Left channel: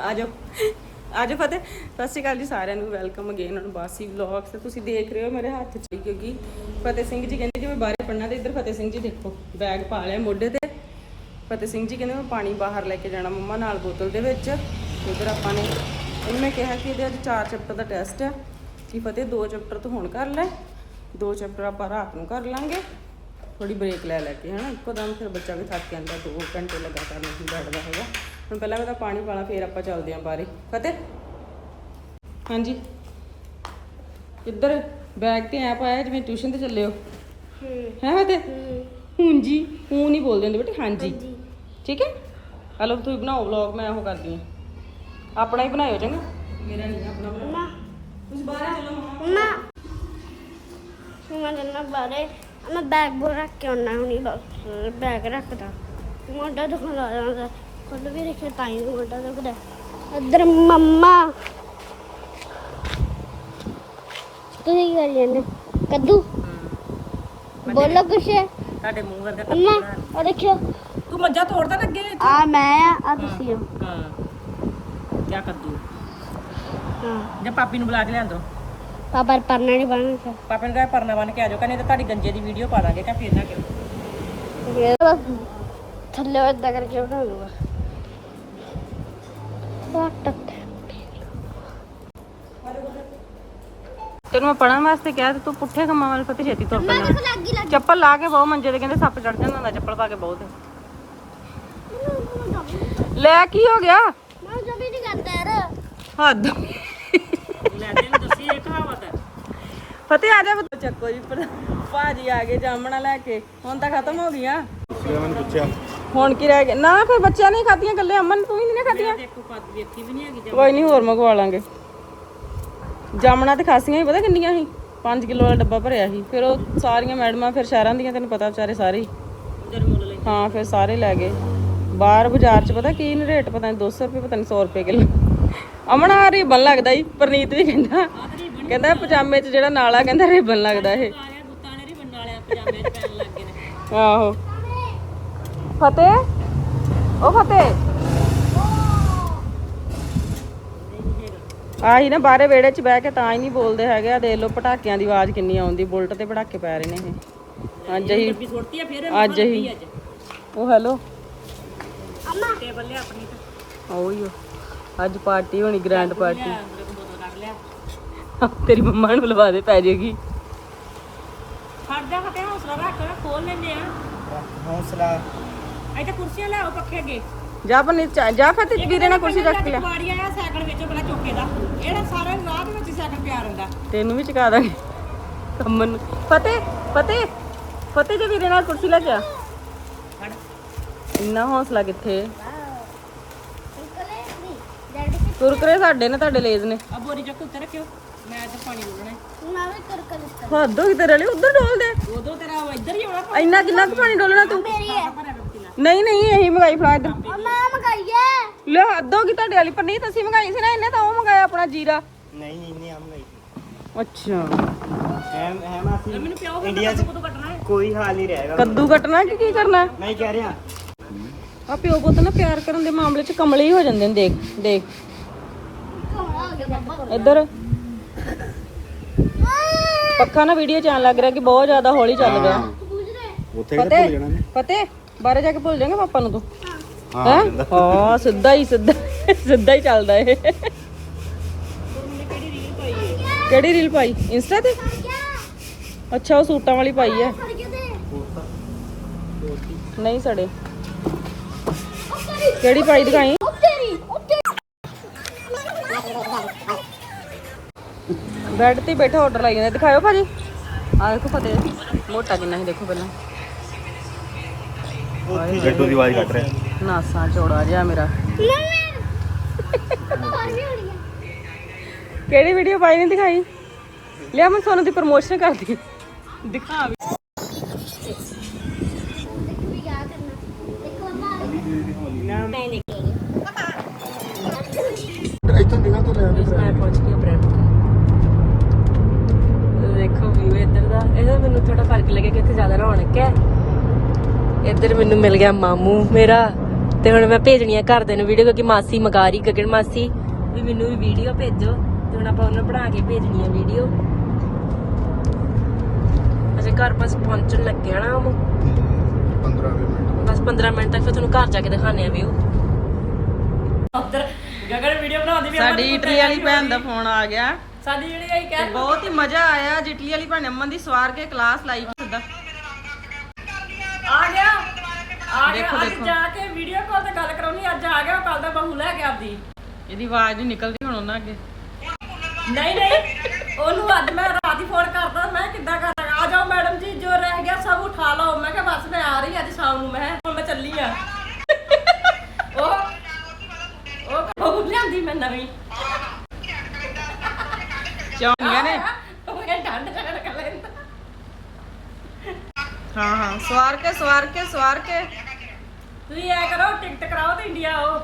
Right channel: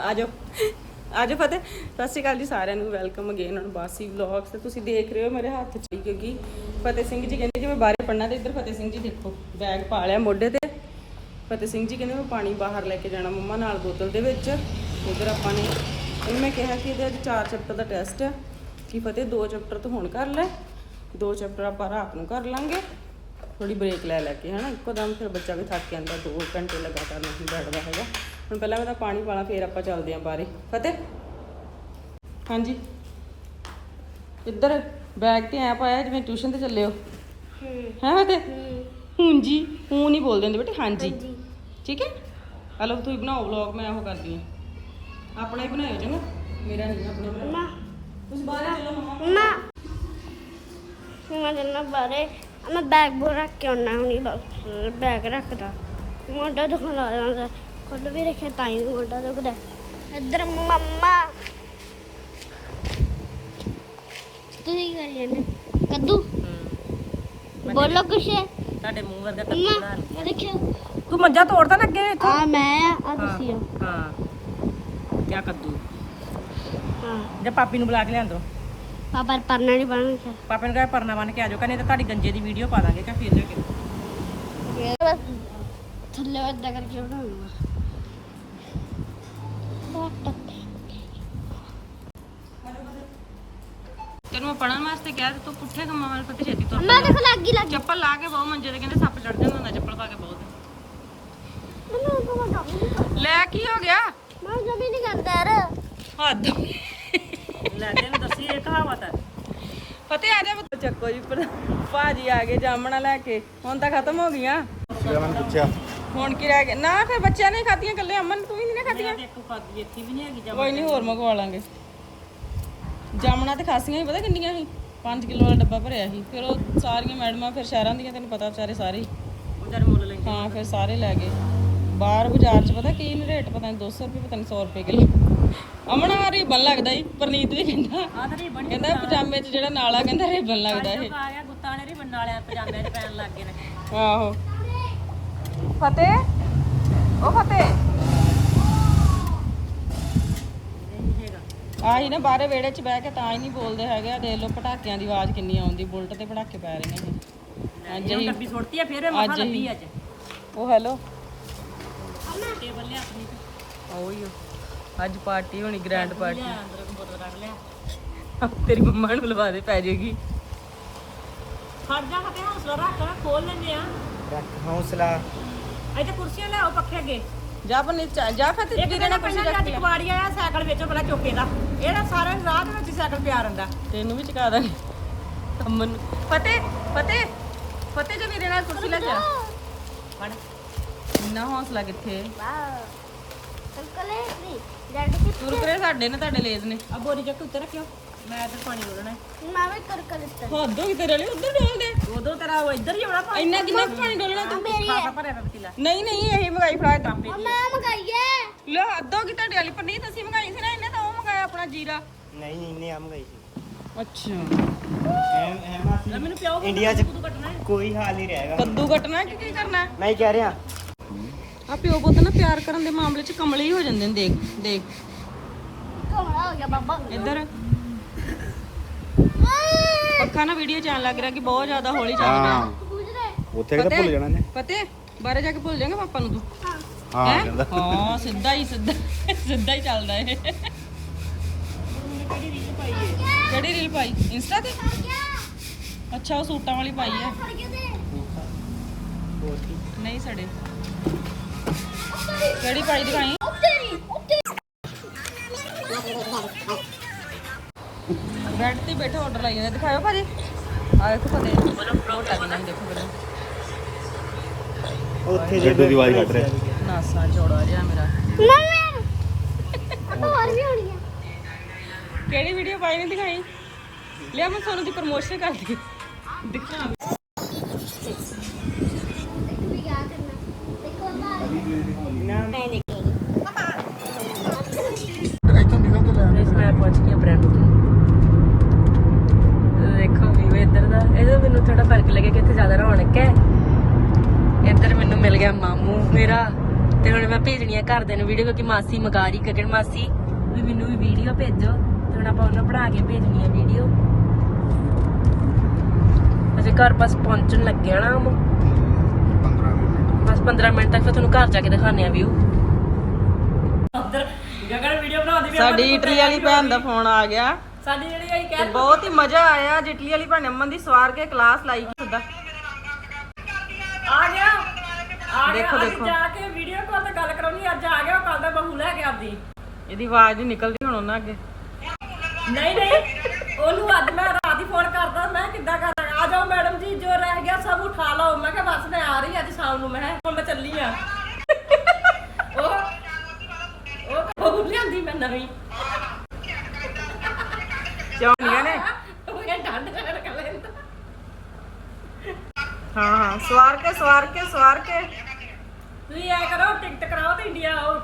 ਆ ਜਾਓ ਆ ਜਾਓ ਫਤਿਹ। ਸਤਿ ਸ਼੍ਰੀ ਅਕਾਲ ਜੀ ਸਾਰਿਆਂ ਨੂੰ। Welcome again on Basi vlogs ਤੇ ਤੁਸੀਂ ਦੇਖ ਰਹੇ ਹੋ ਮੇਰੇ ਹੱਥ 'ਚ ਕਿਉਂਕਿ ਫਤਿਹ ਸਿੰਘ ਜੀ ਕਹਿੰਦੇ ਜੀ ਮੈਂ ਬਾਹਰ ਪੜਨਾ ਤੇ ਇੱਧਰ ਫਤਿਹ ਸਿੰਘ ਜੀ ਦੇਖੋ ਬੈਗ ਪਾ ਲਿਆ ਮੋਢੇ ਤੇ। ਫਤਿਹ ਸਿੰਘ ਜੀ ਕਹਿੰਦੇ ਮੈਂ ਪਾਣੀ ਬਾਹਰ ਲੈ ਕੇ ਜਾਣਾ ਮੰਮਾ ਨਾਲ ਬੋਤਲ ਦੇ ਵਿੱਚ। ਇੱਧਰ ਆਪਾਂ ਨੇ, ਇਹਨੂੰ ਮੈਂ ਕਿਹਾ ਕਿ ਇਹਦੇ ਅੱਜ ਚਾਰ ਚੈਪਟਰ ਦਾ ਟੈਸਟ ਹੈ ਕਿ ਫਤਿਹ ਦੋ ਚੈਪਟਰ ਤੋਂ ਹੁਣ ਕਰ ਲੈ। ਦੋ ਚੈਪਟਰ ਆਪਾਂ ਰਾਤ ਨੂੰ ਕਰ ਲਾਂਗੇ। ਥੋੜੀ ਬ੍ਰੇਕ ਲੈ ਲੈ ਕੇ ਹਨਾ? ਇੱਕੋ ਦਮ ਫਿਰ ਬੱਚਾ ਵੀ ਥੱਕ ਜਾਂਦਾ 2 ਘੰਟੇ ਲਗਾਤਾਰ ਨਹੀਂ ਬੈਠਦਾ ਹੈਗਾ। ਹੁਣ ਪਹਿਲਾਂ ਮੈਂ ਤਾਂ ਪਾਣੀ ਪਾਲਾ ਫਿਰ ਆਪਾਂ ਚੱਲਦੇ ਆਂ ਬਾਰੇ ਫਤਿਹ? ਹਾਂਜੀ। ਇੱਧਰ ਬੈਗ ਤੇ ਐ ਪਾਇਆ ਜਿਵੇਂ ਟਿਊਸ਼ਨ ਤੇ ਚੱਲੇ ਹੋ? ਹੈ। ਫਤਿਹ? ਹੂੰ। ਜੀ ਹੂੰ ਨਹੀਂ ਬੋਲਦੇ ਹੁੰਦੇ ਬੇਟੇ ਹਾਂਜੀ। ਠੀਕ ਹੈ? ਹਲੋ ਤੁਸੀਂ ਬਣਾਓ ਵਲੌਗ ਮੈਂ ਉਹ ਕਰਦੀ ਹਾਂ। ਆਪਣਾ ਹੀ ਬਣਾਇਓ ਚੰਗਾ। ਮੇਰਾ ਨਹੀਂ ਆਪਣਾ ਬਣਾਓ। ਤੁਸੀਂ ਬਾਹਰ ਚੱਲੋ ਮੰਮਾ ਨਾ। ਮੈਂ ਜਨਾ ਬਾਰੇ ਮੈਂ ਬੈਗ ਬੋ ਰੱਖ ਕੇ ਆਉਣਾ ਹੁਣੀ ਬਸ ਬੈਗ ਰੱਖਦਾ। ਮੋਢਾ ਦੁਖਣ ਲੱਗ ਜਾਂਦਾ ਖੁੱਲ ਵੀ ਰੱਖੇ ਤਾਂ ਹੀ ਮੋਢਾ ਦੁਖਦਾ। ਇੱਧਰ ਮੰਮਾ। ਤੁਸੀਂ ਕੀ ਕਰੀ ਜਾਂਦੇ ਕੱਦੂ? ਬੋਲੋ ਕੁਛ। ਤੁਹਾਡੇ ਮੂੰਹ ਵਰਗਾ ਮੰਮਾ ਉਹ ਦੇਖਿਓ। ਤੂੰ ਮੰਜਾ ਤੋੜਦਾ ਲੱਗੇ ਆ ਮੈਂ ਆ ਆ ਤੁਸੀਂ ਹੋ। ਹਾਂ। ਕੀ ਕੱਦੂ? ਜਾਂ ਪਾਪੀ ਨੂੰ ਬੁਲਾ ਕੇ ਲਿਆਂਦੋ। ਪਾਪਾ ਪਰਨਾ ਨਹੀਂ ਬਣਨ ਫਿਰ ਪਾਪੇ ਨੂੰ ਕਹੇ ਪਰਨਾ ਬਣ ਕੇ ਆ ਜਾਓ ਕਹਿੰਦੇ ਤੇ ਤੁਹਾਡੀ ਗੰਜੇ ਦੀ ਵੀਡੀਓ ਪਾ ਦਾਂਗੇ ਕਾ ਫਿਰ ਨਾ ਕਰੋ ਇਹ ਬਸ ਥੱਲੇ ਏਦਾਂ ਕਰਕੇ ਬਣਾ ਲੂਗਾ ਤੈਨੂੰ ਮੈਂ ਪੜਨ ਵਾਸਤੇ ਕਿਹਾ ਤੇ ਤੂੰ ਪੁੱਠੇ ਕੰਮਾਂ ਵਾਲੇ ਫਤੇ ਛੇਤੀ ਤੁਰ ਮੈਂ ਲੱਗੀ ਲੱਗੀ ਚੱਪਲ ਲਾ ਕੇ ਬਹੁ ਮੰਜੇ ਤੇ ਕਹਿੰਦੇ ਸੱਪ ਚੜ ਜਾਂਦਾ ਹੁੰਦਾ ਚੱਪਲ ਪਾ ਕੇ ਬਹੁਤ ਲੈ ਕੀ ਹੋ ਗਿਆ? ਮੈਂ ਜਦੀ ਨਹੀਂ ਕਰਦਾ ਯਾਰ। ਹੱਦ। ਲੈ ਦੇ ਦੱਸੀ ਇਹ ਕਹਾਵਤ ਹੈ। ਫਤਿਹ ਆ ਜਾ ਬੱਚਾ ਚੱਕੋ ਜੀ ਪਰ ਭਾਜੀ ਆ ਗਏ ਜਾਮਣਾ ਲੈ ਕੇ। ਹੁਣ ਤਾਂ ਖਤਮ ਹੋ ਗਈਆਂ। ਹੁਣ ਕੀ ਰਹਿ ਗਿਆ ਨਾ ਫਿਰ ਬੱਚਿਆਂ ਨੇ ਖਾਧੀਆਂ ਗੱਲੇ ਅਮਨ ਤੂੰ ਹੀ ਨਹੀਂ ਖਾਧੀਆਂ। ਦੇਖੋ ਖਾਦੀ ਇੱਥੇ ਵੀ ਨਹੀਂ ਹੈਗੀ ਕੋਈ ਨਹੀਂ ਹੋਰ ਮੰਗਵਾ ਲਾਂਗੇ। ਜਾਮਣਾ ਤੇ ਖਾਸੀਆਂ ਹੀ ਪਤਾ ਕਿੰਨੀਆਂ ਸੀ? 5 ਕਿਲੋ ਵਾਲਾ ਡੱਬਾ ਭਰਿਆ ਸੀ। ਫਿਰ ਉਹ ਸਾਰੀਆਂ ਮੈਡਮਾਂ ਫਿਰ ਸ਼ਹਿਰਾਂ ਦੀਆਂ ਤੈਨੂੰ ਪਤਾ ਵਿਚਾਰੇ ਸਾਰੇ ਹੀ। ਹਾਂ ਫਿਰ ਸਾਰੇ ਲੈ ਗਏ। ਬਾਹਰ ਬਾਜ਼ਾਰ ਚ ਪਤਾ ਕੀ ਰੇਟ? ਪਤਾ ਨਹੀਂ 200 ਰੁਪਏ ਪਤਾ ਨਹੀਂ 100 ਰੁਪਏ ਕਿਲੋ। ਅਮਨ ਆ ਰਿਬਨ ਲੱਗਦਾ ਹੀ ਪ੍ਰਨੀਤ ਵੀ ਕਹਿੰਦਾ। ਕਹਿੰਦਾ ਪਜਾਮੇ ਚ ਜਿਹੜਾ ਨਾਲਾ ਕਹਿੰਦਾ ਰਿਬਨ ਲੱਗਦਾ ਇਹ। ਆਹੋ। ਫਤਿਹ? ਉਹ ਫਤਿਹ। ਆਹੀ ਨਾ ਬਾਹਰੇ ਵਿਹੜੇ 'ਚ ਬਹਿ ਕੇ ਤਾਂ ਹੀ ਨਹੀਂ ਬੋਲਦੇ ਹੈਗੇ। ਆ ਦੇਖ ਲਓ ਪਟਾਕਿਆਂ ਦੀ ਆਵਾਜ਼ ਕਿੰਨੀ ਆਉਂਦੀ ਬੁਲਟ ਤੇ ਪਟਾਕੇ ਪੈ ਰਹੀਆਂ ਇਹ। ਅੱਜ ਹੀ ਛੋੜਤੀ ਆ ਫਿਰ ਅੱਜ ਹੀ। ਉਹ ਹੈਲੋ। ਟੇਬਲ ਲਿਆ ਆਪਣੀ ਤੇ। ਉਹ ਹੀ। ਅੱਜ ਪਾਰਟੀ ਹੋਣੀ ਗ੍ਰੈਂਡ ਪਾਰਟੀ। ਤੇਰੀ ਮੰਮਾ ਨੂੰ ਲਵਾ ਦੇ ਪੈ ਜਾਏਗੀ ਖੜ ਜਾ ਫਤੇ ਹੌਸਲਾ ਰੱਖ ਖੋਲ ਲੈਂਦੇ ਆ। ਹੌਸਲਾ। ਇੱਥੇ ਕੁਰਸੀਆਂ ਲੈ ਆਓ ਪੱਖੇ ਅੱਗੇ। ਜਾ ਬਣੀ ਜਾ ਫਤਿਹ ਵੀਰੇ ਨਾਲ ਕੁਰਸੀ ਰੱਖ ਲਿਆ। ਕੁਆੜੀ ਆਇਆ ਸਾਈਕਲ ਵਿੱਚੋਂ ਬੜਾ ਚੌਕੇ ਦਾ। ਇਹਦਾ ਸਾਰਾ ਰਾਤ ਵਿੱਚ ਸਾਈਕਲ ਪਿਆ ਰਹਿੰਦਾ। ਤੈਨੂੰ ਵੀ ਚਕਾ ਦਾਂਗੇ। ਅਮਨ ਨੂੰ ਫਤਿਹ ਫਤਿਹ ਫਤਿਹ ਜੇ ਵੀਰੇ ਨਾਲ ਕੁਰਸੀ ਲੈ ਜਾ ਫੜ ਇੰਨਾ ਹੌਸਲਾ ਕਿੱਥੇ? ਅੰਕਲ ਇਹ ਕੁਰਕਰੇ ਸਾਡੇ ਨੇ ਤੁਹਾਡੇ ਲੇਜ਼ ਨੇ। ਆ ਬੋਰੀ ਚੱਕ ਉੱਤੇ ਰੱਖਿਓ। ਮੈਂ ਤੇ ਪਾਣੀ ਡੋਲਣਾ ਮੈਂ ਵੀ ਕਰਕਲ ਇਸ ਹੱਦ ਹੋ ਗਈ ਤੇਰੇ ਲਈ ਉਧਰ ਡੋਲ ਦੇ। ਉਦੋਂ ਤੇਰਾ ਉਹ ਇੱਧਰ ਹੀ ਹੋਣਾ ਇੰਨਾ ਕਿੰਨਾ ਕੁ ਪਾਣੀ ਡੋਲਣਾ ਤੂੰ? ਖਾਸਾ ਭਰਿਆ ਪਿਆ ਪਤੀਲਾ। ਨਹੀਂ ਨਹੀਂ ਇਹੀ ਮੰਗਾਈ ਫੜਾ ਇੱਧਰ ਮੈਂ ਮਗਾਈਏ ਲੈ ਹੱਦ ਹੋ ਗਈ ਤੁਹਾਡੇ ਵਾਲੀ ਪਰ ਨਹੀਂ ਤੁਸੀਂ ਮੰਗਾਈ ਸੀ ਨਾ ਇਹਨੇ ਤਾਂ ਉਹ ਮੰਗਾਇਆ ਆਪਣਾ ਜੀਰਾ। ਨਹੀਂ ਨਹੀਂ ਨੇ ਆਮ ਗਈ ਸੀ। ਅੱਛਾ। ਐਮ ਅਸੀਂ ਮੈਨੂੰ ਪਿਓ ਇੰਡੀਆ 'ਚ ਕਦੋਂ ਕੱਟਣਾ ਹੈ। ਕੋਈ ਹਾਲ ਨਹੀਂ ਰਹੇਗਾ ਕੱਦੂ ਕੱਟਣਾ ਕਿ ਕੀ ਕਰਨਾ ਮੈਂ ਕਹਿ ਰਿਹਾ ਆ ਪਿਓ ਪੁੱਤ ਨਾ ਪਿਆਰ ਕਰਨ ਦੇ ਮਾਮਲੇ 'ਚ ਕਮਲੇ ਹੀ ਹੋ ਜਾਂਦੇ ਨੇ ਦੇਖ ਦੇਖ। ਕਮਲਾ ਹੋ ਗਿਆ ਬਾਬਾ ਇੱਧਰ। ਪੱਕਾ ਨਾ ਵੀਡੀਓ ਚ ਆਣ ਲੱਗ ਰਿਹਾ ਕਿ ਬਹੁਤ ਜ਼ਿਆਦਾ ਹੌਲੀ ਚੱਲ ਰਿਹਾ ਉੱਥੇ ਕਿਤੇ ਭੁੱਲ ਜਾਣਾ ਨੇ ਪਤੇ ਬਾਹਰ ਜਾ ਕੇ ਭੁੱਲ ਜਾਏਗਾ ਪਾਪਾ ਨੂੰ ਤੂੰ। ਹਾਂ। ਹੈ ਹਾਂ? ਸਿੱਧਾ ਹੀ ਸਿੱਧਾ ਸਿੱਧਾ ਹੀ ਚੱਲਦਾ ਇਹ। ਕਿਹੜੀ ਰੀਲ ਪਾਈ? ਇੰਸਟਾ ਤੇ? ਅੱਛਾ ਉਹ ਸੂਟਾਂ ਵਾਲੀ ਪਾਈ ਆ। ਦੇ ਨਹੀਂ ਸੜੇ। ਕਿਹੜੀ ਪਾਈ ਦਿਖਾਈ? ਬੈੱਡ ਤੇ ਬੈਠਾ ਆਰਡਰ ਲਾਈ ਜਾਂਦਾ। ਦਿਖਾਓ ਭਾਜੀ। ਆ ਦੇਖੋ ਫਤੇ ਮੋਟਾ ਕਿੰਨਾ ਹੈ ਦੇਖੋ ਪਹਿਲਾਂ। ਉੱਥੇ ਜੱਟੂ ਦੀ ਆਵਾਜ਼ ਕੱਟ ਰਿਹਾ। ਨਾਸਾਂ ਚੌੜਾ ਜਿਹਾ ਮੇਰਾ। ਕਿਹੜੀ ਵੀਡੀਓ ਪਾਈ ਨਹੀਂ ਦਿਖਾਈ? ਲਿਆ ਮੈਂ ਸੋਨੂੰ ਦੀ ਪ੍ਰਮੋਸ਼ਨ ਕਰਦੀ। ਦੇਖੋ ਯਾਦ ਕਰਨਾ ਦੇਖੋ ਬਾਹਰ ਮੈਂ ਨਿਕਲੂੰਗੀ ਮੈਂ ਪਹੁੰਚ ਗਈ ਬ੍ਰੈਂਪਟਨ ਦੇਖੋ ਵੀਊ ਇੱਧਰ ਦਾ ਇਹਦਾ ਮੈਨੂੰ ਥੋੜਾ ਫ਼ਰਕ ਲੱਗਿਆ ਕਿ ਇੱਥੇ ਜ਼ਿਆਦਾ ਰੌਣਕ ਹੈ ਇੱਧਰ ਮੈਨੂੰ ਮਿਲ ਗਿਆ ਮਾਮੂ ਮੇਰਾ ਤੇ ਹੁਣ ਮੈਂ ਭੇਜਣੀ ਆ ਘਰਦਿਆਂ ਨੂੰ ਵੀਡੀਓ ਕਿਉਂਕਿ ਮਾਸੀ ਮਗਾ ਰਹੀ ਗਗਨ ਮਾਸੀ ਵੀ ਮੈਨੂੰ ਵੀ ਵੀਡੀਓ ਭੇਜੋ ਤੇ ਹੁਣ ਆਪਾਂ ਉਹਨਾਂ ਬਣਾ ਕੇ ਭੇਜਣੀ ਆ ਵੀਡੀਓ ਅਜੇ ਘਰ ਬਸ ਪਹੁੰਚਣ ਲੱਗਿਆ ਨਾ ਉਹ ਬਸ 15 ਮਿੰਟ ਤੱਕ ਤੁਹਾਨੂੰ ਘਰ ਜਾ ਕੇ ਦਿਖਾਣੇ ਆ ਵੀਊ ਉਧਰ ਗਗਨ ਵੀਡੀਓ ਬਣਾਉਂਦੀ ਵੀ ਸਾਡੀ ਇਟਲੀ ਵਾਲੀ ਭੈਣ ਦਾ ਫੋਨ ਆ ਗਿਆ। ਸਾਡੀ ਜਿਹੜੀ ਆਈ ਤੇ ਬਹੁਤ ਹੀ ਮਜ਼ਾ ਆਇਆ ਅੱਜ ਇਟਲੀ ਵਾਲੀ ਭੈਣ ਅਮਨ ਦੀ ਸਵਾਰ ਕੇ ਕਲਾਸ ਲਾਈ ਸਿੱਧਾ ਆ ਗਿਆ ਆ ਗਿਆ ਦੇਖੋ, ਦੇਖੋ। ਜਾ ਕੇ ਵੀਡੀਓ ਕਾਲ ਤੇ ਗੱਲ ਕਰਾਉਣੀ ਅੱਜ ਆ ਗਿਆ ਕੱਲ ਦਾ ਬਹੂ ਲੈ ਕੇ ਆਪਦੀ। ਇਹਦੀ ਆਵਾਜ਼ ਨਹੀਂ ਨਿਕਲਦੀ ਹੁਣ ਉਹਨਾਂ ਅੱਗੇ। ਨਹੀਂ ਨਹੀਂ ਉਹਨੂੰ ਅੱਜ ਮੈਂ ਰਾਤ ਹੀ ਫੋਨ ਕਰਦਾ ਮੈਂ ਕਿੱਦਾਂ ਕਰਾਂ? ਆ ਜਾਓ ਮੈਡਮ ਜੀ ਜੋ ਰਹਿ ਗਿਆ ਸਭ ਉਠਾ ਲਓ। ਮੈਂ ਕਿਹਾ ਬਸ ਮੈਂ ਆ ਰਹੀ ਅੱਜ ਸ਼ਾਮ ਨੂੰ ਮੈਂ ਹੁਣ ਮੈਂ ਚੱਲੀ ਆ ਉਹ ਉਹ ਬਹੂ ਲਿਆਂਦੀ ਮੈਂ ਨਵੀਂ। ਚੌਂਗੀਆਂ ਨੇ? ਉਹ ਕਹਿੰਦਾ ਠੰਡ ਕਰ ਲੈਂਦਾ। ਹਾਂ ਹਾਂ ਸਵਾਰ ਕੇ ਸਵਾਰ ਕੇ ਸਵਾਰ ਕੇ। ਤੁਸੀਂ ਐ ਕਰੋ ਟਿਕਟ ਕਰਾਓ ਤੇ ਇੰਡੀਆ ਆਓ।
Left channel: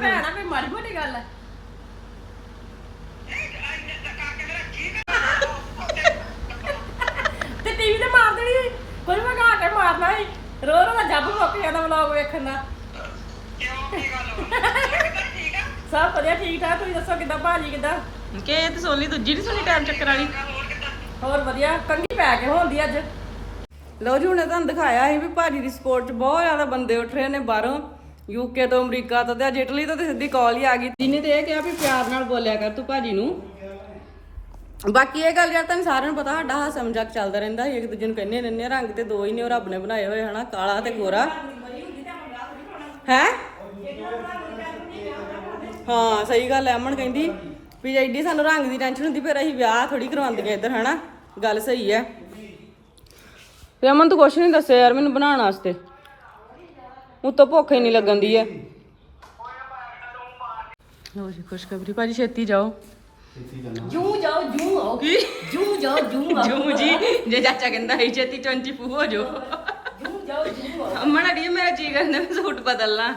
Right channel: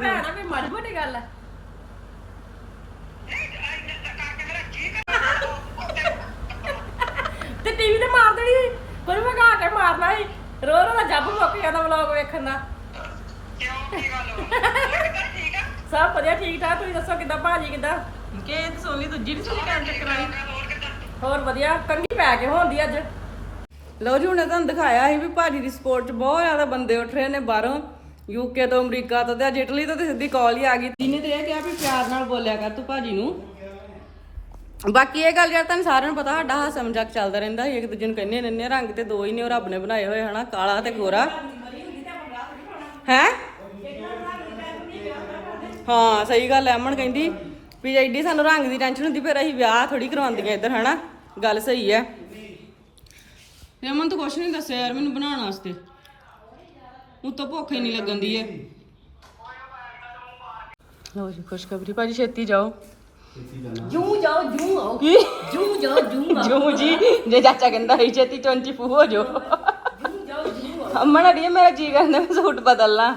ਭੈਣਾ ਵੀ ਮਾੜੀ ਮੋਟੀ ਗੱਲ ਹੈ ਤੇ ਟੀਵੀ ਤੇ ਮਾਰ ਦੇਣੀ ਸੀ। ਕੋਈ ਵਗਾ ਕੇ ਮਾਰਨਾ ਸੀ। ਰੋ ਰੋ ਦਾ ਜੱਬ ਮੁੱਕ ਜਾਂਦਾ ਵਲੌਗ ਵੇਖਣ ਦਾ। ਸਭ ਵਧੀਆ ਠੀਕ ਠਾਕ। ਤੁਸੀਂ ਦੱਸੋ ਕਿੱਦਾਂ ਭਾਜੀ ਕਿੱਦਾਂ? ਕਿ ਇਹ ਤੇ ਸੋਨੀ ਦੂਜੀ ਨਹੀਂ ਸੋਨੀ ਟਾਈਮ ਚੱਕਰ ਵਾਲੀ? ਹੋਰ ਵਧੀਆ ਕੰਗੀ ਪੈ ਕੇ ਹੋਣਦੀ ਅੱਜ। ਲਓ ਜੀ ਹੁਣੇ ਤੁਹਾਨੂੰ ਦਿਖਾਇਆ ਸੀ ਵੀ ਭਾਜੀ ਦੀ ਸਪੋਰਟ 'ਚ ਬਹੁਤ ਜ਼ਿਆਦਾ ਬੰਦੇ ਉੱਠ ਰਹੇ ਨੇ ਬਾਹਰੋਂ। ਯੂਕੇ ਤੋਂ ਅਮਰੀਕਾ ਤੋਂ ਤੇ ਅੱਜ ਇਟਲੀ ਤੋਂ ਤੇ ਸਿੱਧੀ ਕਾਲ ਹੀ ਆ ਗਈ। ਜਿਹਨੇ ਤੇ ਇਹ ਕਿਹਾ ਵੀ ਪਿਆਰ ਨਾਲ ਬੋਲਿਆ ਕਰ ਤੂੰ ਭਾਜੀ ਨੂੰ। ਬਾਕੀ ਇਹ ਗੱਲ ਯਾਰ ਤੁਹਾਨੂੰ ਸਾਰਿਆਂ ਨੂੰ ਪਤਾ ਸਾਡਾ ਹਾਸਾ ਮਜ਼ਾਕ ਚੱਲਦਾ ਰਹਿੰਦਾ ਇੱਕ ਦੂਜੇ ਨੂੰ ਕਹਿੰਦੇ ਰਹਿੰਦੇ ਰੰਗ ਤੇ ਦੋ ਹੀ ਨੇ ਉਹ ਰੱਬ ਨੇ ਬਣਾਏ ਹੋਏ ਹਨਾ? ਕਾਲਾ ਤੇ ਗੋਰਾ। ਹੈ? ਹਾਂ ਸਹੀ ਗੱਲ ਐ ਅਮਨ ਕਹਿੰਦੀ ਵੀ ਐਡੀ ਸਾਨੂੰ ਰੰਗ ਦੀ ਟੈਨਸ਼ਨ ਹੁੰਦੀ ਫਿਰ ਅਸੀਂ ਵਿਆਹ ਥੋੜੀ ਕਰਵਾਉਂਦੀਆਂ ਇੱਧਰ ਹਨਾ? ਗੱਲ ਸਹੀ ਐ। ਤੇ ਅਮਨ ਤੂੰ ਕੁਛ ਨਹੀਂ ਦੱਸਿਆ ਯਾਰ ਮੈਨੂੰ ਬਣਾਉਣ ਵਾਸਤੇ। ਉਤੋਂ ਭੁੱਖ ਹੀ ਨਹੀਂ ਲੱਗਣ ਦੀ ਐ। ਲੋ ਜੀ ਖੁਸ਼ਖਬਰੀ ਭਾਜੀ ਛੇਤੀ ਜਾਓ। ਜੂ ਜਾਓ ਜੂ ਆਓ। ਕੀ? ਜੂ ਜਾਓ ਜੂ ਆਓ। ਜੂ ਜੀ ਜੇ ਚਾਚਾ ਕਹਿੰਦਾ ਹੈ ਛੇਤੀ 24 ਹੋ ਜਾਓ। ਜੂ ਜਾਓ ਜੂ ਆਓ। ਅਮਨ ਅੜੀਏ ਮੇਰਾ ਜੀ ਕਰਦਾ ਮੈਂ ਸੂਟ ਬਦਲਣਾ।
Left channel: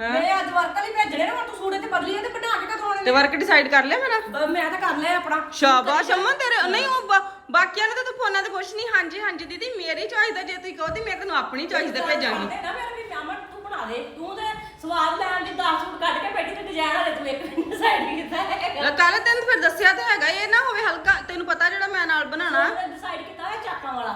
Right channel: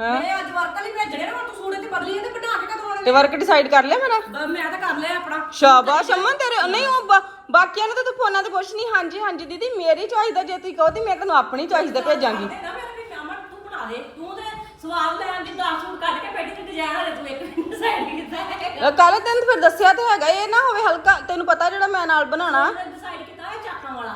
ਹਾਂ। ਮੈਂ ਅੱਜ ਵਰਕਰ ਲਈ ਭੇਜਣੇ ਨੇ ਹੁਣ ਤੂੰ ਸੂਟ ਤੇ ਬਦਲੀ ਤੇ ਬਣਾ ਕੇ ਕਦੋਂ ਤੇ ਵਰਕ ਡਿਸਾਈਡ ਕਰ ਲਿਆ ਮੇਰਾ? ਬ- ਮੈਂ ਤਾਂ ਕਰ ਲਿਆ ਆਪਣਾ। ਸ਼ਾਬਾਸ਼ ਅਮਨ ਤੇਰੇ ਨਹੀਂ ਉਹ ਬਾ- ਬਾਕੀਆਂ ਨੂੰ ਤਾਂ ਤੂੰ ਫੋਨਾਂ ਤੇ ਪੁੱਛ ਨਹੀਂ ਹਾਂਜੀ ਹਾਂਜੀ ਦੀਦੀ ਮੇਰੀ ਚੋਇਸ ਦਾ ਜੇ ਤੁਸੀਂ ਕਹੋ ਤੇ ਮੈਂ ਤੈਨੂੰ ਆਪਣੀ ਚੋਇਸ ਦਾ ਭੇਜਾਂਗੀ। ਤੇ ਨਾ ਮੇਰੇ ਵੀ ਅਮਨ ਤੂੰ ਬਣਾ ਦੇ। ਤੂੰ ਤੇ ਸਵਾਦ ਲੈਣ ਦੀ 10 ਸੂਟ ਕੱਢ ਕੇ ਬੈਠੀ ਤੇ ਡਿਜ਼ਾਈਨ ਵਾਲੇ ਤੂੰ ਇੱਕ ਦਿਨ ਡਿਸਾਈਡ ਕੀਤਾ ਹੈ ਕੱਲ ਤੈਨੂੰ ਫਿਰ ਦੱਸਿਆ ਤੇ ਹੈਗਾ ਇਹ ਨਾ ਹੋਵੇ ਹਲਕਾ ਤੈਨੂੰ ਪਤਾ ਜਿਹੜਾ ਮੈਂ ਨਾਲ ਬਣਾਉਣਾ। ਡਿਸਾਈਡ ਕੀਤਾ ਹੈ ਚਾਕਾਂ ਵਾਲਾ।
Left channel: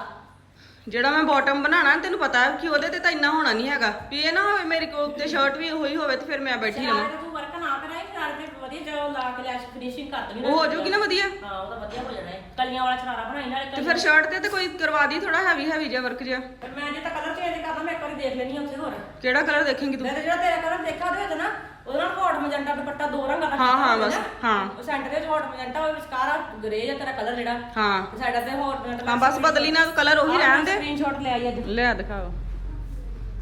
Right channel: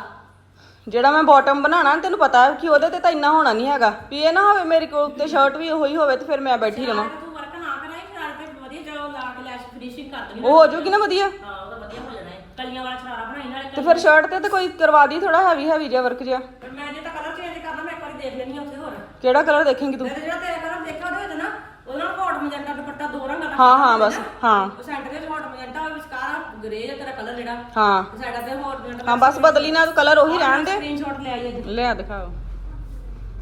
ਜਿਹੜਾ ਮੈਂ ਬਾਟਮ ਬਣਾਉਣਾ ਤੈਨੂੰ ਪਤਾ ਕਿ ਉਹਦੇ ਤੇ ਤਾਂ ਇੰਨਾ ਹੋਣਾ ਨਹੀਂ ਹੈਗਾ। ਵੀ ਇਹ ਨਾ ਹੋਵੇ ਮੇਰੇ ਕੋਲ ਉੱਤੇ ਸ਼ਰਟ ਵੀ ਉਹੀ ਹੋਵੇ ਤੇ ਫਿਰ ਮੈਂ ਬੈਠੀ ਰਵਾਂ। ਤੂੰ ਵਰਕ ਨਾ ਕਰਾਈ ਸ਼ਰਾਰ ਤੇ ਵਧੀਆ ਜੋ ਲਾ ਕੇ ਲੈਸ਼ ਫਿਨਿਸ਼ਿੰਗ ਕਰ ਦੇਣੀ ਉਹ ਹੋ ਜਾਊਗੀ ਨਾ ਵਧੀਆ। ਹਾਂ ਉਹਦਾ ਵਧੀਆ ਹੋ ਜਾਣਾ ਹੈ। ਕਲੀਆਂ ਵਾਲਾ ਸ਼ਰਾਰਾ ਬਣਾਈ ਨਾਲੇ ਤੇ ਫਿਰ ਸ਼ਰਟ ਤੇ ਤੇ ਕੋਈ ਕਰਵਾ ਦੀ ਥੋੜਾ ਹੈਵੀ ਹੈਵੀ ਜਿਹਾ ਵਰਕ ਜਿਹਾ। ਮੈਂ ਜੇ ਤਾਂ ਕਲਰ ਚੇਂਜ ਕਰਨਾ ਮੈਂ ਇੱਕ ਵਾਰੀ ਦੇਖ ਲੈਣੀ ਆ ਉੱਥੇ ਹੋਰ। ਕਿਹੜਾ ਕਲਰ ਦੇਖੇਂਗੀ ਤੂੰ? ਮੈਂ ਤਾਂ ਜਿਹੜਾ ਤੇਰਾ ਕਲਰ ਦੇਖਿਆ ਉਹਦੇ ਵਿੱਚ ਨਾ ਉਹਦਾ ਨਾਲ ਹੌਟ ਮਜੰਟਾ ਦੁਪੱਟਾ ਦੋ ਰੰਗਾਂ ਦਾ ਹਾਂ ਹਾਂ ਬਸ ਹਾਂ। ਉਹ ਸੈਂਟਰ ਦੇ ਵਿੱਚ ਹੌਟ ਮਜੰਟਾ ਉਹ ਵਿਚਕਾਰ ਗ੍ਰੇ ਜਿਹਾ ਤੇਰਾ ਕਲਰ ਜਿਹੜਾ। ਹਾਂ। ਸਾਈਡਾਂ ਤੇ ਹੌਟ ਮਜੰਟਾ ਹਾਂ ਬਸ ਬਦਲੀ ਨਾ ਕਲਰ ਉਹੀ ਰਹਿਣ ਦੇ। ਸਕਰੀਨਸ਼ਾਟ ਲੈ ਆਈ ਅੱਜ। ਲਿਆ ਦਿਖਾਓ।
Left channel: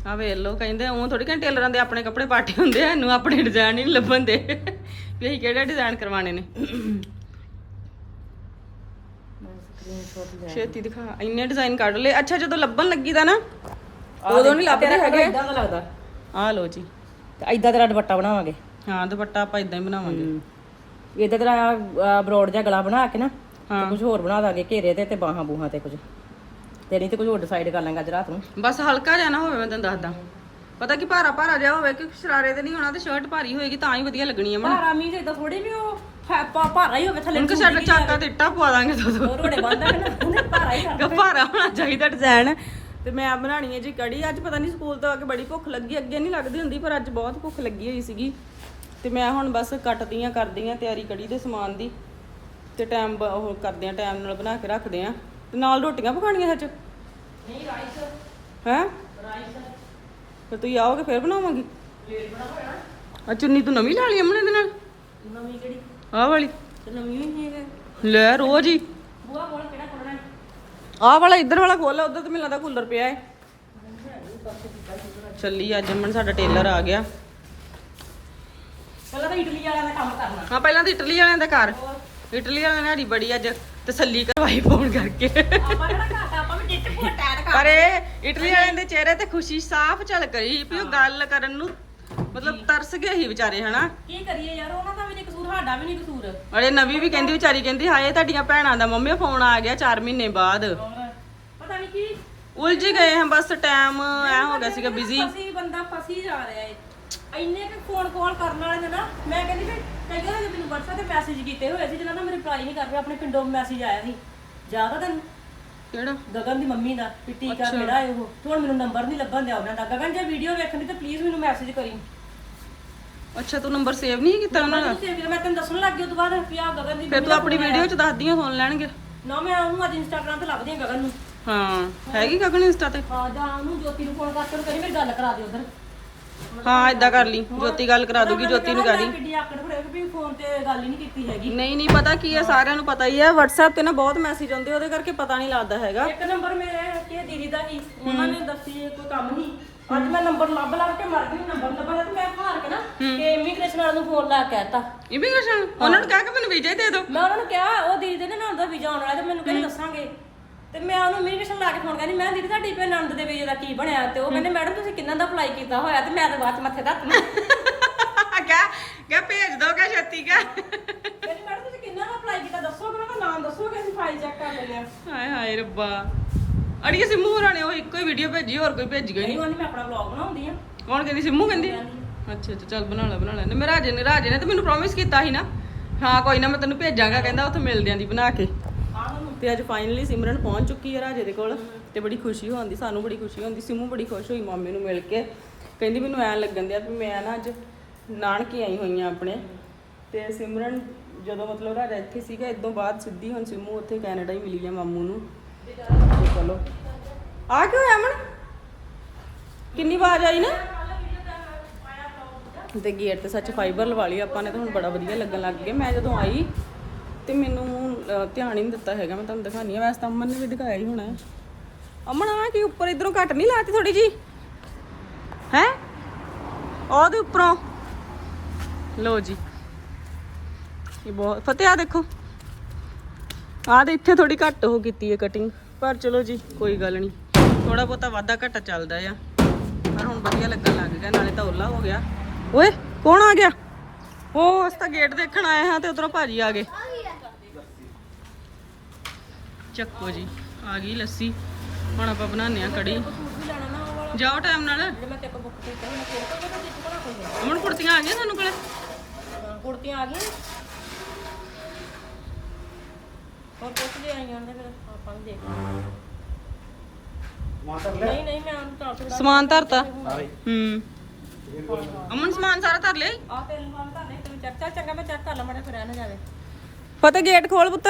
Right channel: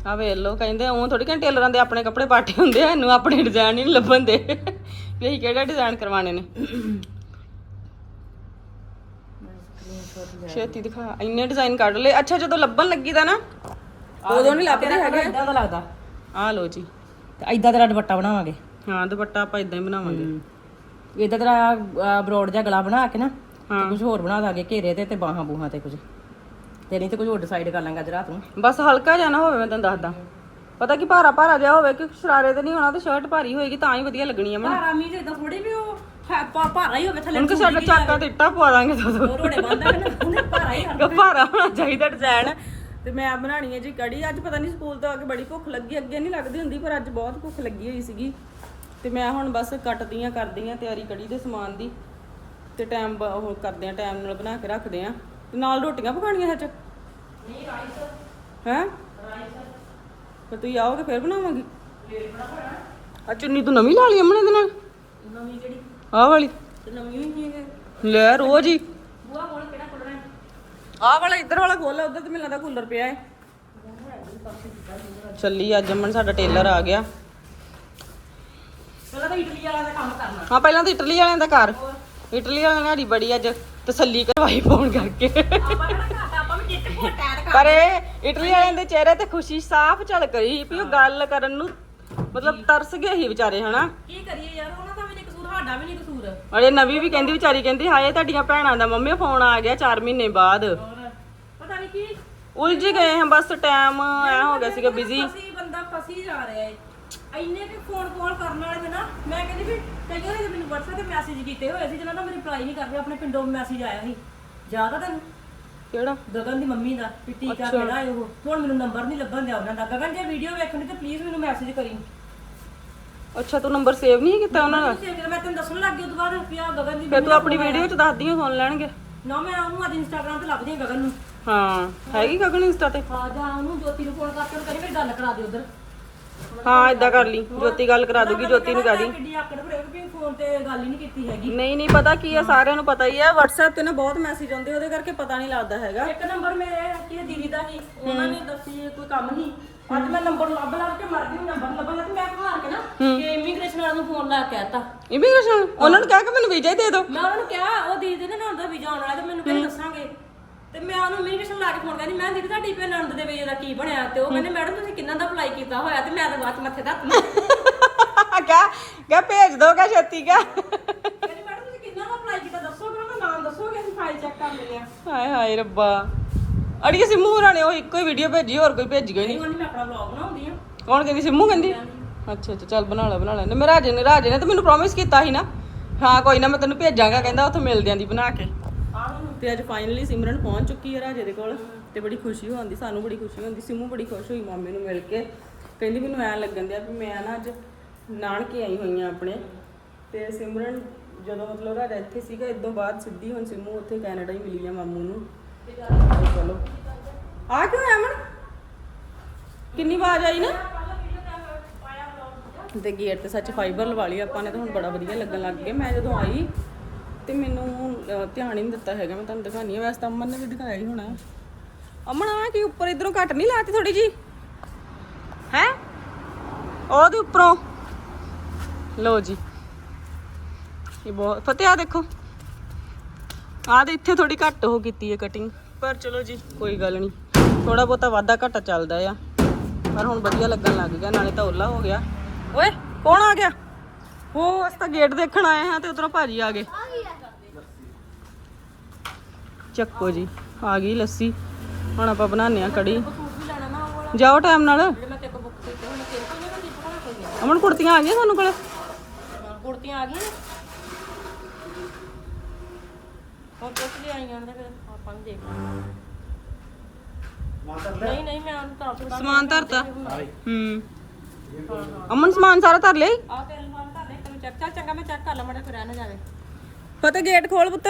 ਆ ਵੇਖ ਲੋ ਕਹਿੰਦੇ ਉਹ ਥੋੜੀ ਕਿ ਟੇਲਰਾਂ ਦੇ ਆਪਣੇ ਕੱਪੜੇ ਪਾਟੇ ਹੁੰਦੇ ਆ ਇਹਨੂੰ ਆਪਣੇ ਡਿਜ਼ਾਈਨ ਹੀ ਨਹੀਂ ਲੱਭਣ ਦੇ। ਵੀ ਅਸੀਂ ਕਿਹੜਾ ਡਿਜ਼ਾਈਨ ਕਰਵਾਣੇ ਨੇ। ਛੇਤੀ ਦਿਖਾ ਇੰਨੇ ਡਿਜ਼ਾਈਨ ਕੱਢ ਲਏ। ਅੱਛਾ ਜਦੋਂ ਲੱਭਣ ਲੱਗੀ ਦਾ ਨਾ ਉਦੋਂ ਨਹੀਂ ਲੱਭਦੇ ਹੈਗੇ। ਇਦਾਂ ਦਾ ਲੱਗਦਾ। ਆ ਲੋ ਜੀ। ਤੇ ਇਦਾਂ ਤੇਰਾ ਦੁਪੱਟਾ ਬਣਾਵਾਂਗੇ। ਹਾਂ ਦੁਪੱਟਾ ਆਪਾਂ ਇਦਾਂ ਹੀ ਬਣਾਵਾਂਗੇ। ਇਦਾਂ ਤੇਰਾ ਬਰੋਡ ਜਿਹਾ ਗਲਾ ਬਣਾ ਕੇ ਨਾ ਹਾਂ। ਕੁਝ ਹੋਰ ਬਣਾ ਦਾਂਗੇ ਘੇਰੇ ਤੇ ਤੇ ਬਾਹਾਂ ਬੂਹਾਂ ਤੇ ਕੁਝ ਤੇ ਨਹੀਂ ਤੇ ਕੁਝ ਹੋਰ ਡਿਸਾਈਡ ਕਰ ਲਾਂਗਾ ਅੱਜ ਰਾਤ ਨੂੰ। ਬਸ ਹਲਕਾ ਜਿਹਾ ਨਾ ਹੋਵੇ ਮੈਂ ਤੈਨੂੰ ਦੱਸਦਾ। ਪਤਾ ਕਿ ਭਾਰਾ ਭਾਰਾ ਜਿਹਾ ਹੋਵੇ ਕਿ ਸ਼ਰਾਰੇ ਤੇ ਨਹੀਂ ਹੋਣਾ ਤੇ ਸ਼ਰਟ ਭਾਰੀ ਹੋਏਗੀ ਤਾਂ ਹੀ ਵਧੀਆ ਲੱਗਣੀ ਆ ਮੈਨੂੰ। ਭਾਰਾ ਮੀਂਹ ਇਦਾਂ ਥੋੜੀ ਵੀ ਉਹ ਭਾ- ਭਾਰਾ ਹੀ ਹੋਵੇ ਥੱਲੇ ਕਿ ਸਾਡਾ ਚਾਕਾ ਤੇ ਇੱਟਾਂ ਪਵਾ ਦਾਂਗੇ ਦੋ ਦੋ ਰੋੜੇ ਬੰਦਾ ਨਾ ਉਹਨੇ ਭਾਰਾ ਹੀ ਭਾਰਾ ਹੋਣਾ ਚਾਹੀਦਾ। ਡਿਜ਼ਾਈਨ ਤੇ ਮੈਂ ਬਣਾਣੀ ਹੈ ਜੀ ਕੜੀ। ਅੱਜ ਪਤਾ ਨਹੀਂ ਸਕੂਲ ਤੋਂ ਆ ਕੇ ਬੜੀ ਭੁੱਖ ਲੱਗੀ ਅੱਗੇ ਨਹੀਂ ਲੱਗਦੀ ਹੁੰਦੀ ਪਰ ਅੱਜ ਬਹੁਤ ਭੁੱਖ ਲੱਗੀ ਹੋਈ ਸੀਗੀ। ਤੇ ਮੈਂ ਹੁਣ ਬਸ ਕੱਟਦੀਆਂ ਕਰਦੀਆਂ ਤਿਆਰੀ ਕੜੀ ਦੇ ਸਮਾਨ ਦੀ। ਤੇ ਟਾਈਮ ਉਹ ਕਰਦੇ ਆ ਟਾਈਮ ਨਾਲ ਬਣਾ ਕੇ ਰੱਖਦੇ ਆ ਤੇ ਨਾਲ ਰੋਟੀਆਂ ਪਕਾਣੀਆਂ ਸੱਚ ਨਹੀਂ ਰਾਈਸ ਹੈ? ਫਿਰ ਤੁਸੀਂ ਆਓਗੇ ਫਿਰ ਬਣਾਵਾਂਗੀ? ਫੇਰ ਬਣਾਵਾਂਗਾ ਚੁੰਨੀ ਤੂੰ ਨਵੀਂ ਲਾ ਲਈ ਅਮਨੇ ਦੇ ਨਾਲ? ਨਵੀਂ ਕਿਹੜੀ? ਆਹ ਵਾਲੀ। ਤੇ ਨਵੀਂ ਹੀ ਨਹੀਂ ਹੈ ਲੈ ਰੋਜ਼ ਹੀ। ਬੂਆ ਕੋਲ ਹੈ ਆਹ ਵਾਲਾ ਇੱਧਰ ਵਾਲਾ ਖੋਲਾ ਉਧਰ ਤੇ ਮੈਨੂੰ ਲੱਗਦਾ ਕੂਲਰ ਪਿਆ ਹੈ। ਚੱਲੀ ਅੱਜ ਅਮਨ ਸਾਡਾ ਟੇਲਰ ਆ ਗਿਆ। ਪਹਿਲਾਂ ਤਾਂ ਇਟਲੀ ਵਾਲਿਆਂ ਦਾ ਕੰਮ ਕਰਨਾ। ਹਾਂ ਪਹਿਲਾਂ ਤਾਂ ਇਟਲੀ ਵਾਲਿਆਂ ਦਾ ਘਰ। ਇਟਲੀ ਵਾਲਿਆਂ ਨੇ ਸਾਡੀ ਬੜੀ ਅੱਜ ਤਸੱਲੀ ਕਰਵਾਈ ਫੋਨ ਕਰਕੇ। ਪਰ ਇਹ ਇਟਲੀ ਵਾਲਿਆਂ ਦੇ ਚਿਹਰੇ ਤੇ ਖੁਸ਼ੀ ਸਾਫ਼ ਝਲਕ ਰਹੀ ਵੀ ਉਹ ਗੱਲ ਕਰਨ ਨੂੰ ਮਤਲਬ ਤਰਸ ਗਏ ਸੀ ਵਿਚਾਰੇ ਹਨਾ? ਕੀ ਕਰੀਏ ਯਾਰ ਉਹਨਾਂ ਦਾ ਕਸੂਰ ਸਾਡਾ ਵੀ ਨਹੀਂ ਕਸੂਰ। ਅਰੇ ਨਵੀਂ ਵੀ ਕਹਿੰਦੀ ਵਿਚਾਰੀ ਕਹਿੰਦੀ ਹਾਏ ਤੁਹਾਡੀਆਂ ਭੈਣਾਂ ਦਾ ਮੰਮੀ ਫੋਨ ਆ ਗਿਆ 4 ਮਹੀਨੇ ਬਾਅਦ। ਹੋਰ ਪਤਾ ਨਹੀਂ ਕੀ। ਉਲਝ ਗਏ ਹਾਂ ਬਸ ਟਾਈਮ ਐ ਹੋ ਗਿਆ ਸੀਗਾ ਬਿਜ਼ੀ ਫਸੀ ਬੰਦਾ ਫਸੀ ਜਾ ਰਿਹਾ ਏ। ਇੰਨੇ ਕਿ ਫੋਨ ਕਾਲ ਕਰਨ ਵਾਲੇ ਨੇ ਨਾ ਮੈਂ ਕਹਿੰਦੀ ਵੀ ਕਈ ਕਹਿੰਦੇ ਮੈਨੂੰ WhatsApp ਤੇ ਮੈਸੇਜ ਕੀਤੇ ਹੋਏ ਸੀ ਜਿਹਨਾਂ ਦਾ ਮੈਂ ਰਿਪਲਾਈ ਨਹੀਂ ਕਰ ਰਿਹਾ ਆਪਣੇ ਪਿੰਡੋਂ ਮੈਸੇਜ ਆਇਆ ਸੀ ਜ਼ਿਆਦਾ ਤਾਂ ਕਿਹੜਾ? ਗਗਨ ਦੀ ਮੰਮੀ ਦਾ ਵੀ ਟੀਕਾ ਕਿਹੜਾ ਹੈ ਉਹ। ਹੁਣ ਮੈਨੂੰ ਨੰਬਰ ਨਹੀਂ ਲੱਭਣ ਦਿਆ ਉਹਨਾਂ ਦਾ। ਗਗਨ ਜੇ ਵੀਡੀਓ ਵੇਖਣੀ ਤਾਂ ਪਲੀਜ਼ ਮੈਨੂੰ ਮੈਸੇਜ ਕਰੀ। ਅੱਛਾ ਤੂੰ ਨੰਬਰ ਸੇਵ ਨਹੀਂ ਕੀਤਾ ਉਹਨਾਂ ਦਾ? ਤੇ ਫਿਰ ਮੈਂ ਤੈਨੂੰ ਦੱਸਣ ਲੱਗ ਗਈ ਉਹ ਤੋਂ ਬਾਅਦ ਵੀ ਆ ਗਗਨ ਦੀ ਫਿਰ ਤੂੰ ਆਪਣੀ ਵੀਡੀਓ ਚ ਦੱਸਦੀ ਹਾਂ ਸੁਣ ਲੈਣਗੇ। ਨਾ ਮੈਂ ਉਹਨੂੰ ਅੱਜ ਇੰਸਟਾਗ੍ਰਾਮ ਤੇ ਲੱਭਦੀ ਹਾਂ ਗਗਨ ਨੂੰ। ਹਾਂ ਹੈਗੀ ਗਗਨ ਇੰਸਟਾ ਤੇ? ਹਾਂ ਜਾਂ ਉਹਨੂੰ ਜੋਤੀ ਨੂੰ ਫੋਨ ਕਰਕੇ ਉਹਨੂੰ ਕਹਿੰਦੀ ਮੇਰੀ ਗੱਲ ਕਰਾ ਦੇ ਉਧਰ। ਹਾਂ ਇਦਾਂ ਕਰ ਲਈ ਜੋਤੀ ਗੱਲ ਕਰਾ ਦੂਗੀ ਜੋਤੀ ਨੂੰ ਕਹਿ ਦੀ। ਕਿੱਡੀ ਆਕੜ ਫੜੇ ਵੀ ਫੋਨ ਤੇ ਗੱਲ ਹੀ ਨਹੀਂ ਕੀਤੀ ਹੈਗੀ। ਨਹੀਂ ਨਹੀਂ ਪਤਾ ਕੀ ਹੈ ਸਾਰਿਆਂ ਨੂੰ ਪਤਾ ਹੀ ਹੈ WhatsApp ਤੇ ਨਾ ਬਹੁਤ ਮੈਸੇਜ ਆਉਂਦੇ ਉਹਦੇ ਕਰਕੇ ਪਤਾ ਨਹੀਂ ਲੱਗਦਾ ਹੈਗਾ। ਇੱਕ ਨੰਬਰ ਮੇਰੇ ਕਿ ਦੀਦੀ ਦਾ ਸੀ ਉਹਨਾਂ ਨੇ ਦੱਸੀ ਕੋਈ ਕੰਮ ਨਹੀਂ। ਅੱਜ ਮੈਂ ਨੰਬਰ ਲੱਭ ਲੱਭ ਕੇ ਮਰ ਗਈ ਨੰਬਰ ਲੱਭਾ ਤੇ ਮੈਂ ਘਰ ਕੇ ਨਾ ਕਿ ਇਮੀਗ੍ਰੇਸ਼ਨ ਵਾਲਿਆਂ ਨੂੰ ਫੋਨ ਲਾ ਕੇ ਕਹਿਤਾ। ਇਮੀਗ੍ਰੇਸ਼ਨ ਉਹਨਾਂ ਨੂੰ ਕਹਿ ਕੇ ਮੈਨੂੰ ਵੀਜ਼ਾ ਹੀ ਦੇ ਦਿਓ। ਮੈਂ ਉਹਨਾਂ ਨੂੰ ਕਿਹਾ ਉਹ ਦੀਦੀ ਦੇ ਨਾ ਹੁੰਦਾ ਵੀਜ਼ਾ ਆਉਣ ਵਾਲਾ ਤੇ ਮੈਨੂੰ ਕਹਿੰਦੇ ਦੱਸਾਂਗੇ। ਤੇ ਮੈਂ ਉਹਨੂੰ ਇਮੀਗ੍ਰੇਸ਼ਨ ਲਾ ਕੇ ਫੋਨ ਕਰਨੀ ਮੈਂ ਦੀਦੀ ਤੁਹਾਡੀ ਭੈਣ ਨੰਦ ਦੇ ਵੀਜ਼ੇ ਦਾ ਕੀ ਬਣਿਆ ਤੇ ਉਹ ਕਹਿੰਦੇ ਮੈਡਮ ਤੁਸੀਂ ਕਿੰਨਾ ਦਾ ਅਪਲਾਈ ਕੀਤਾ ਹੋਇਆ? ਤੇ ਮੈਂ ਤਾਂ ਬਾਅਦ ਚ ਮੱਥੇ ਮੈਂ ਕਹਿ ਕਹਿ ਭੇਜ ਦੋ ਕਾ ਛੇਤੀ ਕਾ ਕਹਿੰਦੀ ਮੈਡਮ ਤੁਸੀਂ ਕਿੰਨਾ ਦਾ ਅਪਲਾਈ ਕੀਤਾ? ਦੱਸੋਗੇ? ਨਾ ਮੈਂ ਨਾਮ ਦੱਸੋਗੇ? ਅਸੀਂ ਫਾਈਲ ਚੈੱਕ ਕਰ ਲੈਂਦੇ ਆ ਹਾਏ ਹਾਏ ਰੱਬਾ। ਅੜੀਏ ਸਿੰਮੂ ਹੋਰਾਂ ਨੇ ਉਹ ਇੱਕੋ ਹੀ ਵੀਡੀਓ ਭੇਜੀ ਹੋਰ ਕੋਈ ਭੇਜੀ ਗਈ ਨਹੀਂ ਨਹੀਂ ਮੈਂ ਆਪਣਾ ਵਲੌਗ ਬਣਾਉਂਦੀ ਆ। ਕੌਣ ਕਹਿੰਦੀ ਸਿੰਮੂ ਕਹਿੰਦੀ? ਅੱਛਾ ਅੱਛਾ ਚੱਲ ਬਣਾ ਲੈ ਬਣਾ ਲੈ। ਮੈਂ ਰਾਜੇ ਨੇ ਰਾਜੇ ਨੇ ਤਾਂ ਮੈਨੂੰ ਪ੍ਰੋਮਿਸ ਕੀਤਾ ਸੀ ਨਾ। ਹਾਂ ਕੋਈ ਨਾ ਮੈਂ ਤੈਨੂੰ ਭੇਜਾਂਗਾ ਕਹਿੰਦਾ ਉੱਥੇ ਮਿਲਦੇ ਆਂ ਦੀ ਬਣਾ ਕੇ। ਤੇ ਅੱਜ ਫਾਈਨਲੀ ਸਿਮਰਨ ਪਹੁੰਚ ਚੁੱਕੀ ਹੈ ਰਾਜੇ ਦੇ ਕੋਲ ਤੇ ਬੜੀ ਖੁਸ਼ੀ ਹੁੰਦੀ ਸਾਨੂੰ ਬੜੀ ਖੁਸ਼ੀ ਹੁੰਦੀ ਸਿੰਮੂ ਬੜੀ ਖੁਸ਼ ਹੋਈ ਮਾਮੇ ਨੂੰ ਮਿਲ ਕੇ। ਕਹਿੰਦੀ ਮੈਨੂੰ ਐਂ ਲੱਗਣ ਦਿਆ ਵੀ ਮੈਂ ਨਾ ਅੱਜ ਨਾਨਕੇ ਆਈ ਹੋਈ ਆ ਆਪਣੇ। ਤੇ ਸਿਮਰਨ ਜਦੋਂ ਮਤਲਬ ਰਾਜਾ ਇੱਥੇ ਸੀਗਾ ਇਦੋਂ ਬਾਅਦ ਸਿੱਧੀ ਹੁਣ ਸਿੰਮੂ ਉੱਥੇ ਕੈਨੇਡਾ ਹੀ ਮਿਲੀ ਆ ਮਾਮੂ ਨੂੰ। ਚਲੋ। ਆ ਕਿਉਂ ਅਮਨ? ਕਿੰਨੀ ਆਵਾਜ਼ ਆਈ ਨਾ? ਤੇ ਗੇਟ ਤੇ ਸੱਚ ਫਾਈਬਰ ਲਵਾ ਲਈ ਆਪਾਂ ਨੇ, ਤਾਂ ਹੁਣ ਬੜਾ ਵਧੀਆ ਲੱਗਣ ਲੱਗ ਗਿਆ। ਮੈਂ ਜਦੋਂ ਆਈ, ਤੇ ਮੈਨੂੰ ਧਿਆਨ ਹੀ ਨਹੀਂ ਦਿੱਤਾ ਹੈਗਾ। ਮੈਂ ਤੁਹਾਨੂੰ ਦਿਖਾਣੀ ਆ ਵੈਸੇ ਤਾਂ ਅਮਨ ਨੇ ਵੀ ਦਿਖਾਇਆ ਹੀ ਹੋਣਾ। ਅਮਨ ਆ ਕੀ ਉੱਪਰ ਇਧਰੋਂ ਘੱਟ ਨਹੀਂ ਲਾਤੀ ਥੋੜੀ ਜੀ ਹੈ? ਉਹਦੇ ਉੱਪਰੋਂ। ਲਓ ਜੀ। ਇਹ ਬਹੁਤ, ਫਤਿਹ ਆ ਦੇਖੋ। ਆਹ ਦੇ ਇੱਥੇ ਥੋੜੀ ਘੱਟ ਹੋ ਕੀਤੀ ਹੈ ਕਟਿੰਗ ਪਰ ਚਲੋ ਜੀ, ਕੋਈ ਗੱਲ ਨਹੀਂ। ਥੋੜਾ ਬਹੁਤਾ ਵਾਧਾ ਘਟਾ ਚੱਲਦਾ ਆ। ਪਰ ਹੁਣ ਵਧੀਆ ਲੱਗਣ ਲੱਗ ਗਿਆ, ਨਾਲੇ ਤਾਂ ਓਲਾ ਹੋ ਗਿਆ। ਓਏ, ਕੌਣ ਆ ਗਿਆ? ਉਹ ਅਸੀਂ ਤਾਂ ਗੇਟ ਦੇਖਣ ਆਏ ਹਾਂ ਤੇ ਉਧਰੋਂ ਭਾਜੀ ਆ ਗਏ। ਚੱਕੋ ਜੀ, ਆ ਗਈ ਲੱਸੀ। ਹੁਣ ਆਪਾਂ ਬਣਾਉਂਦੇ ਆ ਕੜੀ। ਜਾਓ ਟਾਈਮ ਨਾਲ। ਅਮਨ, ਕੁੜਤੀਆਂ ਆ ਗਈਆਂ ਸਾਨੂੰ ਕੋਲੇ? ਕੁੜਤੀਆਂ ਆ ਗਈਆਂ ਹੋਰ ਕੁਝ ਲਈ ਆਈਆਂ ਨੇ ਫਿਰ ਆਪਾਂ ਵੀ ਦੇਖ ਲਾਂਗੇ ਨਹੀਂ ਨਹੀਂ ਮੈਂ ਉਹਨੂੰ ਤਾਂ ਸਮਾਨ ਧਰਤਾ? ਹੂੰ। ਅਮਨ ਸਮਾਨ ਸਾਰਾ ਧਰ ਲਿਆ ਆ ਤੇਲ ਨਾਲ ਤਾਂ ਲੈ ਤੈਨੂੰ ਚੈੱਕ ਚੱਲ ਚੰਗਾ ਮੈਂ ਚੈੱਕ ਕਰ ਲਵਾਂ ਫਿਰ ਰਹਿ ਨਾ ਜਾਵੇ। ਫਤਿਹ ਗੇਟ ਖੋਲ ਪੁੱਤ।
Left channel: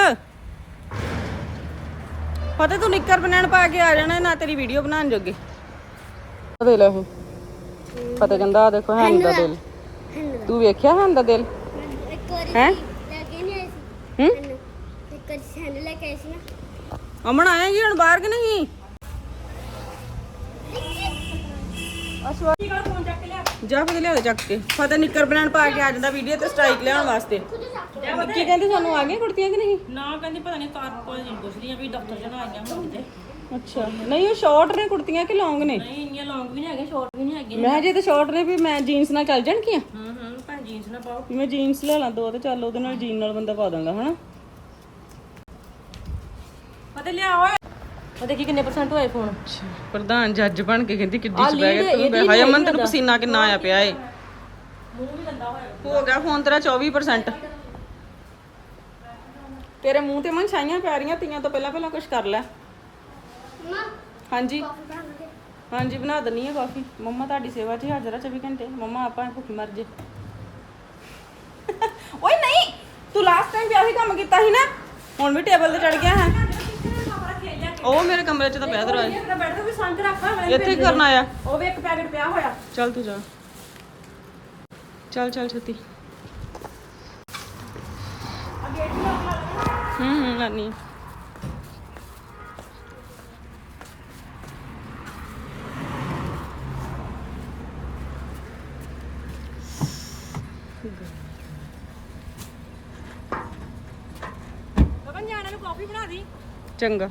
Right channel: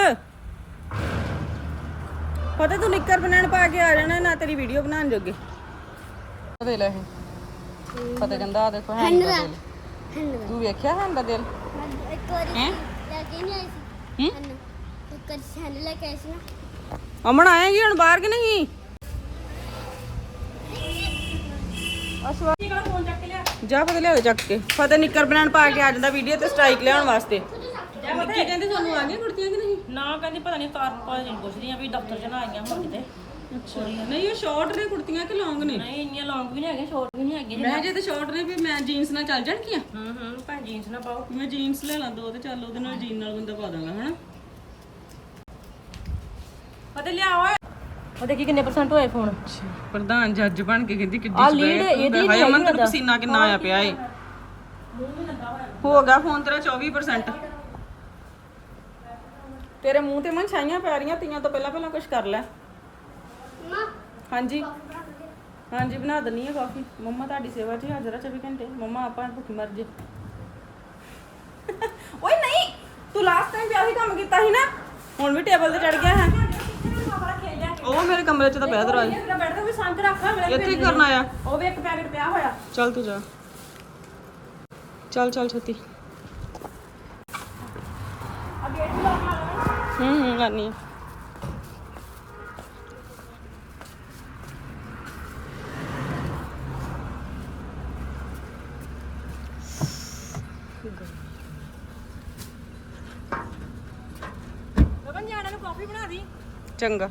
ਫਤਿਹ ਤੂੰ ਨਿੱਕਰ ਬਣਾਣ ਪਾ ਕੇ ਆ ਜਾਣਾ ਨਾ ਤੇਰੀ ਵੀਡੀਓ ਬਣਾਉਣ ਜੋਗੇ। ਦੇ ਲੈ ਇਹ। ਫਤਿਹ ਕਹਿੰਦਾ ਆ ਦੇਖੋ ਹੈਂ ਦਾ ਦਿਲ। ਤੂੰ ਵੇਖਿਆ ਹੈਂ ਦਾ ਦਿਲ? ਇੱਕ ਵਾਰੀ ਹੈ? ਲੈ ਕੇ ਨਹੀਂ ਆਈ ਸੀ। ਹੂੰ? ਸੈਂਡ ਲੈ ਕੇ ਆਈ ਸੀ ਨਾ ਅਮਨ ਆਏਗੀ ਹੁਣ ਬਾਹਰ ਕਿ ਨਹੀਂ? ਅਸਵਾ ਕੀ ਕਰ ਫੋਨ ਚੱਕ ਕੇ ਲਿਆ ਜਾ ਫਤਿਹ ਲਿਆ ਦੇ ਚੱਕ ਕੇ। ਫਤਿਹ ਨਿੱਕਰ ਬਣਾਣ ਪਾ ਕੇ ਆ ਜਾਂਦਾ ਵੀਡੀਓ ਤੇ ਸਟ੍ਰਾਈਕ ਲਿਆਉਣ ਵਾਸਤੇ। ਕੀ ਕਹਿੰਦੀ ਸਾਨੂੰ ਆ ਗਈਆਂ ਕੁੜਤੀਆਂ ਕਿ ਨਹੀਂ? ਨਾ ਕਹਿੰਦੀ ਪਤਾ ਨਹੀਂ ਕਾਰ ਕੋਈ ਨਹੀਂ ਪੁੱਛਦੀਆਂ ਵੀ ਦਫ਼ਤਰ ਚ ਨਾ ਆਈਆਂ ਹੋਣ ਕਿਤੇ। ਅੱਛਾ। ਨਹੀਂ ਉਹ ਸ਼ਾਰਟ ਨੇ ਕੁੜਤੀਆਂ ਕਿ ਲੌਂਗ ਨੇ? ਨਹੀਂ ਇੰਨੀਆਂ ਲੌਂਗ ਵੀ ਨਹੀਂ ਹੈਗੀਆਂ ਸ਼ਾਰਟ ਵੀ ਨਹੀਂ ਹੈਗੀਆਂ। ਮੈਂ ਜੇ ਤੇ ਸ਼ਾਰਟ ਨੇ ਵੀ ਮੈਂ ਜੀਨਸ ਨਾਲ ਚੱਲ ਜਾਣਗੀਆਂ? ਹੂੰ ਹੂੰ ਭਾਂ ਜੀਨਸ ਨਾ ਪਾਓ। ਮੈਂ ਜੀਨਸ ਲੈ ਲਾਂ ਦੋ ਤੇ ਚੱਲ ਉਹਦੇ ਨਾਲ ਜੀਨ ਨਾਲ ਬੰਦਾ ਪਾ ਦਾਂਗਾ ਹਨਾ? ਅਤੇ ਲਿਆ ਓਏ। ਉਹ ਦੇਖੀ ਕਿੰਨੇ ਪਰਸੈਂਟ ਹੋਏ ਫੋਨ ਪ੍ਰਧਾਨ ਜੱਜ ਬਣ ਕੇ ਕਹਿੰਦੀ ਕਿੱਡੀ ਬੈਗ ਇਹਦੀ ਹਾਏ ਅਮਨ ਤੈਨੂੰ ਪਸੀਨਾ ਕਿੰਨਾ ਆਇਆ ਪਿਆ ਏ। ਹੋ ਗਿਆ ਫੋਨ ਤੇਰਾ 24% ਤੇਰੇ ਮੂੰਹ ਤੇ ਮਨ ਛਾਈਆਂ ਪੈ ਰਹੀਆਂ ਤੀਆਂ ਤੋਂ ਪਹਿਲਾਂ ਪਹਿਲਾਂ ਕੁਝ ਕਰ ਲੈ। ਹਾਂਜੀ। ਹਾਂਜੀ ਬਣਾ ਦਨੀ ਆ ਕਾਫੀ ਮੰਮਾ ਤੁਹਾਡੀ ਸੇਵਾ 'ਚ ਹਾਜ਼ਰ ਆ 24 ਘੰਟੇ। ਮੰਮਾ ਆਪਾਂ ਭੁੱਖੀ ਮਰ ਜੇ। ਓਏ ਨਹੀਂ ਤੂੰ ਲਾਸਟ ਟਾਈਮ ਵੀ ਆਹੀ ਕੰਮ ਕੀਤਾ ਸੀ ਨਾ ਹੁਣ ਵੀ ਟੇਬਲ ਤੇ ਚੜ ਗਿਆ ਹੈ। ਉਹ ਮੇਰੇ ਕਮਰੇ 'ਚ ਤਾਂ ਪਿਆ ਦਰਵਾਜ਼ੇ ਮੇਰਾ ਬੈਠ ਕੇ ਵੀ ਸੰਗ ਰੱਖਾਂ ਅਗਲੇ ਇੱਥੇ ਹੀ ਕਰਨਾ ਆ ਉਹ ਵੀ ਇੱਕ ਪੈਕੇਟ ਪਿਆ ਹੋਇਆ। ਚੱਲ ਤੂੰ ਜਾ। ਚੱਲ ਚੱਲ ਛੇਤੀ। ਆ ਗੇਟ ਵੀ ਲਾ ਲੈਣਾ। ਹੂੰ ਹੂੰ ਲਾਨੀ ਆ। ਗਗਨ ਜਾਣੇ ਨੂੰ ਕਾਫੀ ਬਣਾ ਦੀ। ਚੰਗਾ।